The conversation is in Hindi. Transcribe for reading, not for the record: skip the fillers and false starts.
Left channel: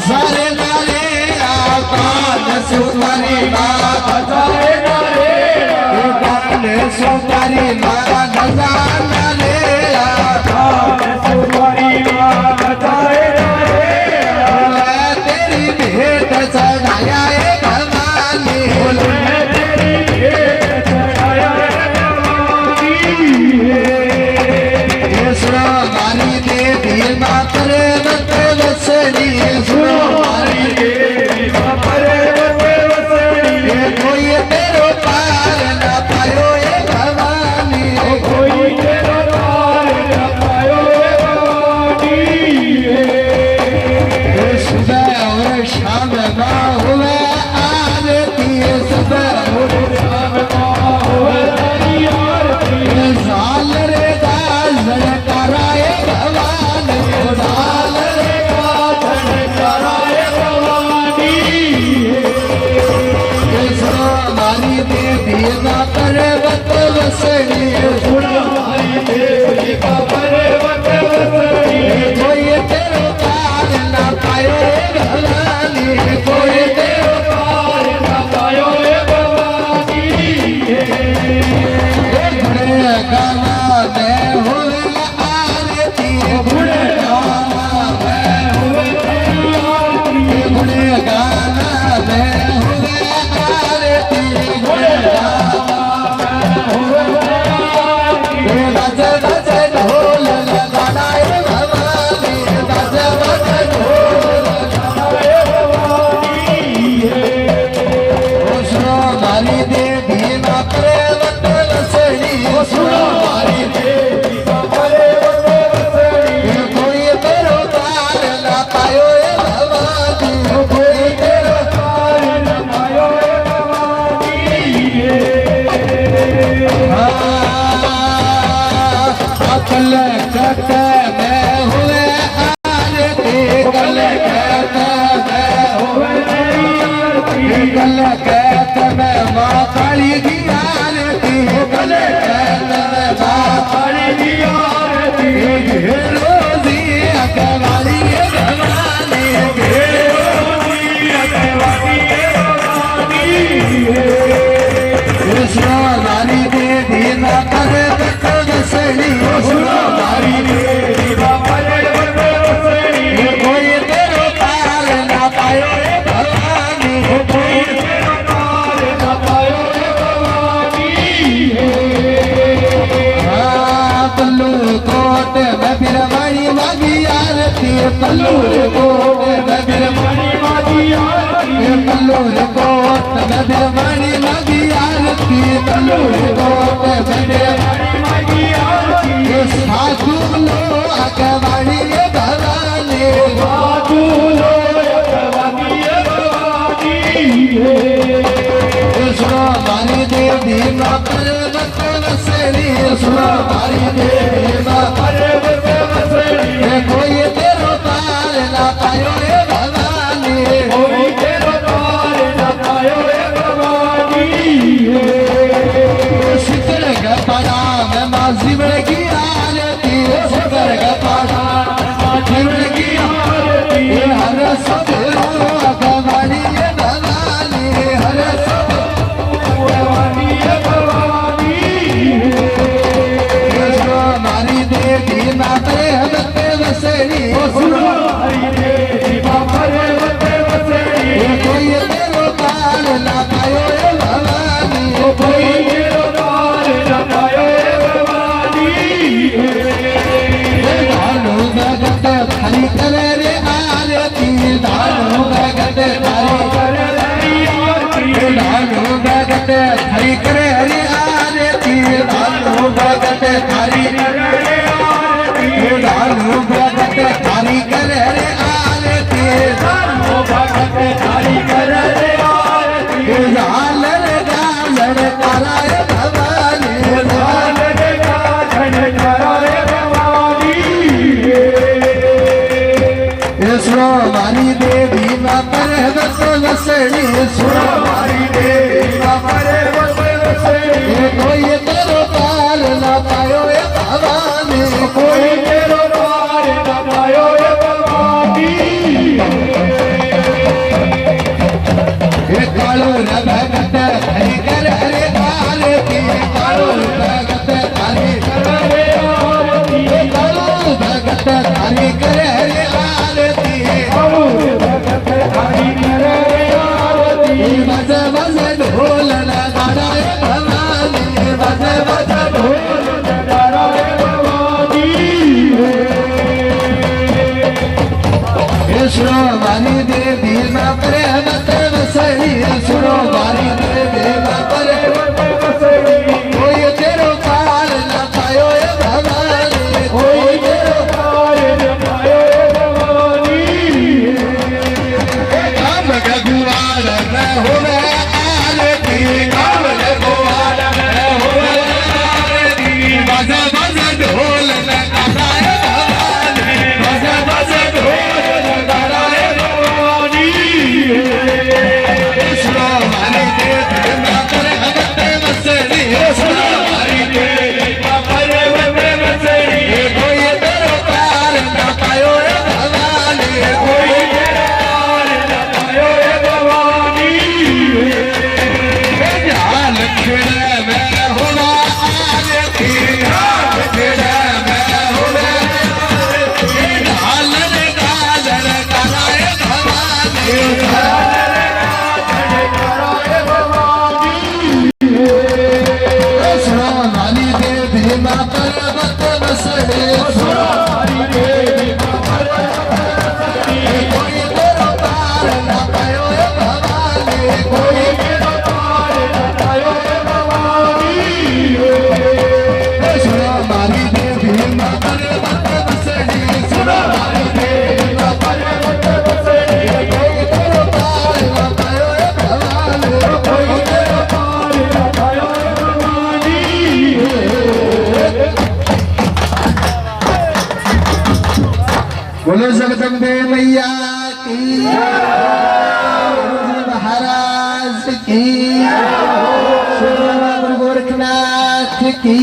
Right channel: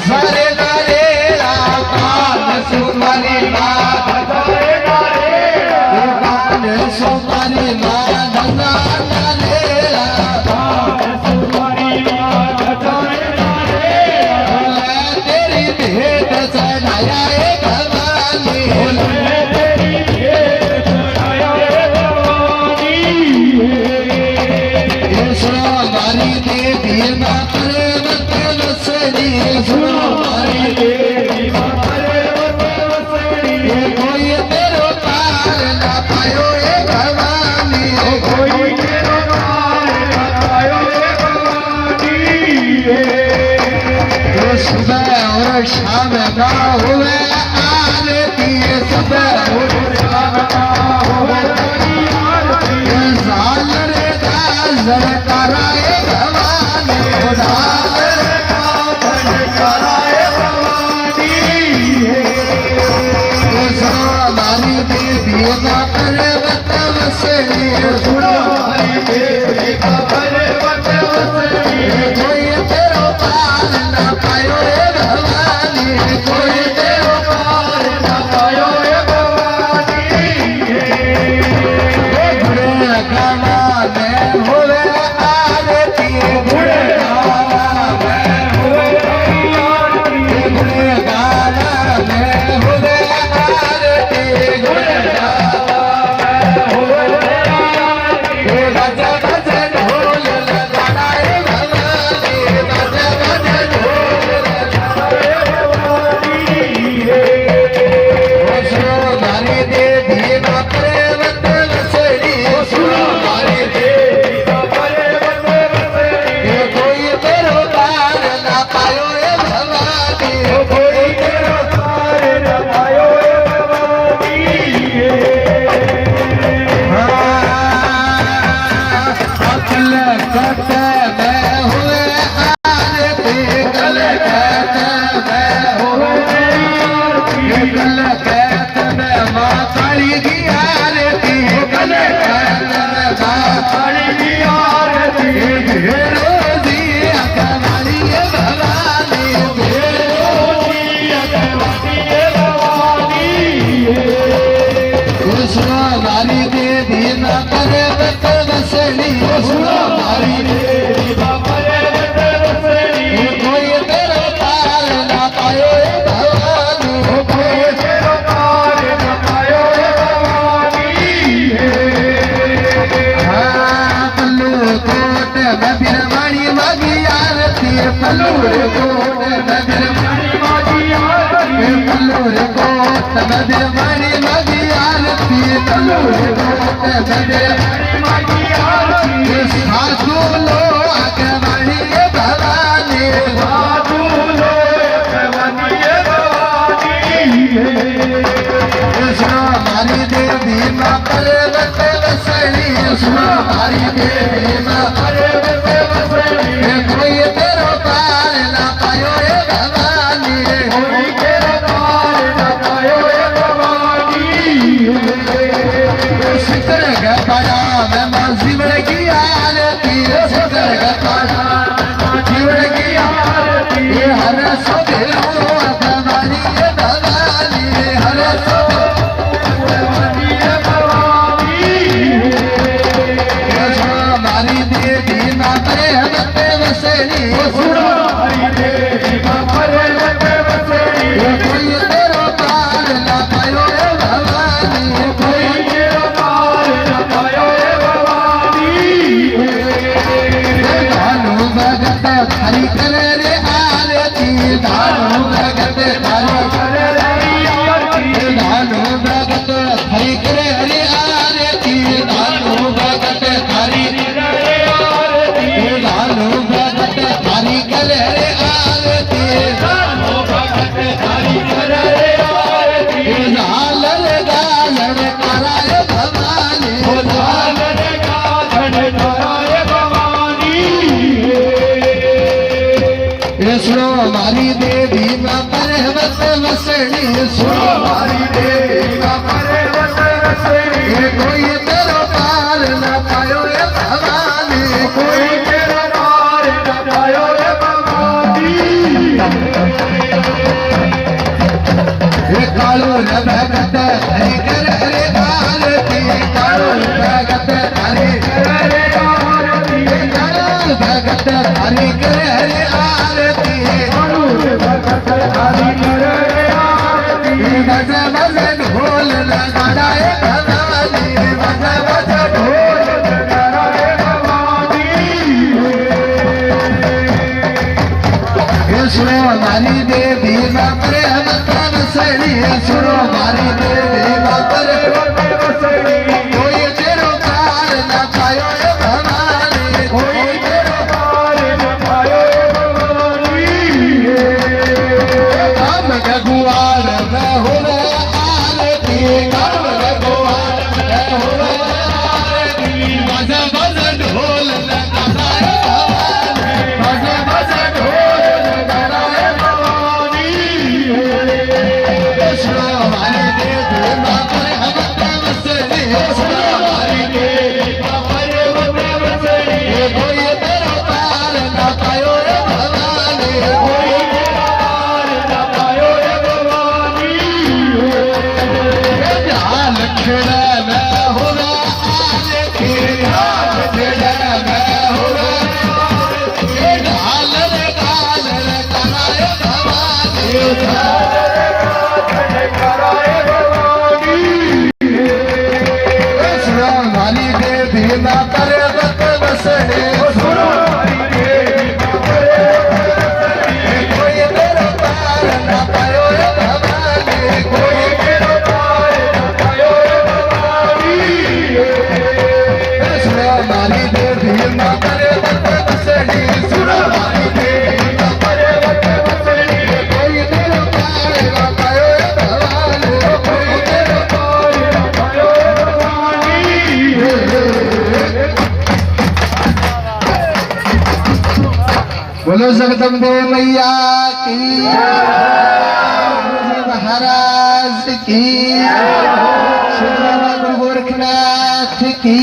सारे नारे कान सुपारी सारे नारे कान सुपारी मारा गजा नारे कान सुपारी तेरी भेंट चढ़ाया भवानी तेरी भेंट चढ़ाया भवानी देवी मातरे सुनो हमारी देवी कोई तेरो पार ना पायो ये भवानी कोई तेरो पार ना पायो ये भवानी सुबह और शाम ना हुए आरती सुबह और शाम ना हुए आरती साल रे दास कराए भवानी पर्वत वसनी सुनो हमारी देवी का पर्वत वसनी कोई तेरो पार ना पायो ये भवानी कोई तेरो पार ना पायो ये भवानी गाना में हुए आरती गाना में हुए आरती गाना में हुए आरती पल्लूर कोट नगर मणि माजी आरती पल्लूर कोट नगर मणि माजी आरती पल्लूर कोट नगर मणि माजी आरती साधु लोग मणि भवानी साधु लोग मणि भवानी सुनो हमारी देवी माँ पर्वत वसनी सुनो हमारी देवी माँ पर्वत वसनी कोई तेरो पार ना पायो ए भवानी कोई तेरा द्वार न पायो हे भवानी शिकर गपड़ा में मां जीवन की आरती शिकर गपड़ा जीवन की आरती हर सवेरो भवानी ए भवानी हर भवानी हे भवानी हमारी देवी ना प्रेम पे वसेरी सुनो हरि देवी बापरे बते बसेरी कोई तेरो पार ना पायो ए भवानी कोई तेरा द्वार न पायो हे भवानी दानो भगत हरि करे रे आरती दानो भगत हरि करे रही आरती दानो भगत हरि करे हरि आरती दानो भगत हरि करे आरती दानो भगत हरि करे रे आरती धर्मो भगत हरि करे रे आरती गालर गालर कराय भवानी धन गाधन कराय भवानी सुनो मारी देवी मां पर्वत वसणी सुनो मारी देवी मां पर्वत वसेरी कोई तेरो पार ना पायो ए भवानी कोई तेरा द्वार न पायो हे भवानी कालो भगत हरि कर हरे आरती कालो भगत हरि करे रे आरती कालो भगत हरि कर हरे आरती भगत हरि करे रे आरती बज बज ढोल नगाड़ाए भवानी बज बज ढोल नगाड़ा हे भवानी सुनो मारी देवी मां प्रेमत वसणी सुनो मारी देवी मां प्रेमत वसेरी कोई तेरो पार न पायो ए भवानी कोई तेरा द्वार न पायो हे भवानी काम गगुआर न होवे आरती काम गगुआर न होवे आरती बज बज ढोल नगाड़ाए भवानी बज बज ढोल नगाड़ाए भवानी सुनो मारी देवी मां प्रेमत वसणी सुनो मारी देवी मां पर्वत वसेरी कोई तेरो पार न पायो ए भवानी कोई तेरा द्वार न पायो हे भवानी जाल खेड़ा में होना आरती जाल खेड़ा में होना गालर गालर कराए भवानी कराए भवानी सुनो माली देवी मां पर्वत वसणी सुनो हरि देवी कोई तेरो पार न पायो ए भवानी कोई तेरा द्वार न पायो हे भवानी सुनो माली देवी मां पर्वत वसणी सुनो माली देवी मां पर्वत वसेरी कोई तेरो पार न पायो ए भवानी कोई तेरा द्वार न पायो हे भवानी बोलो जगदम्बे मैया की गुरुजी महाराज की श्री बाबा गोरखनाथ की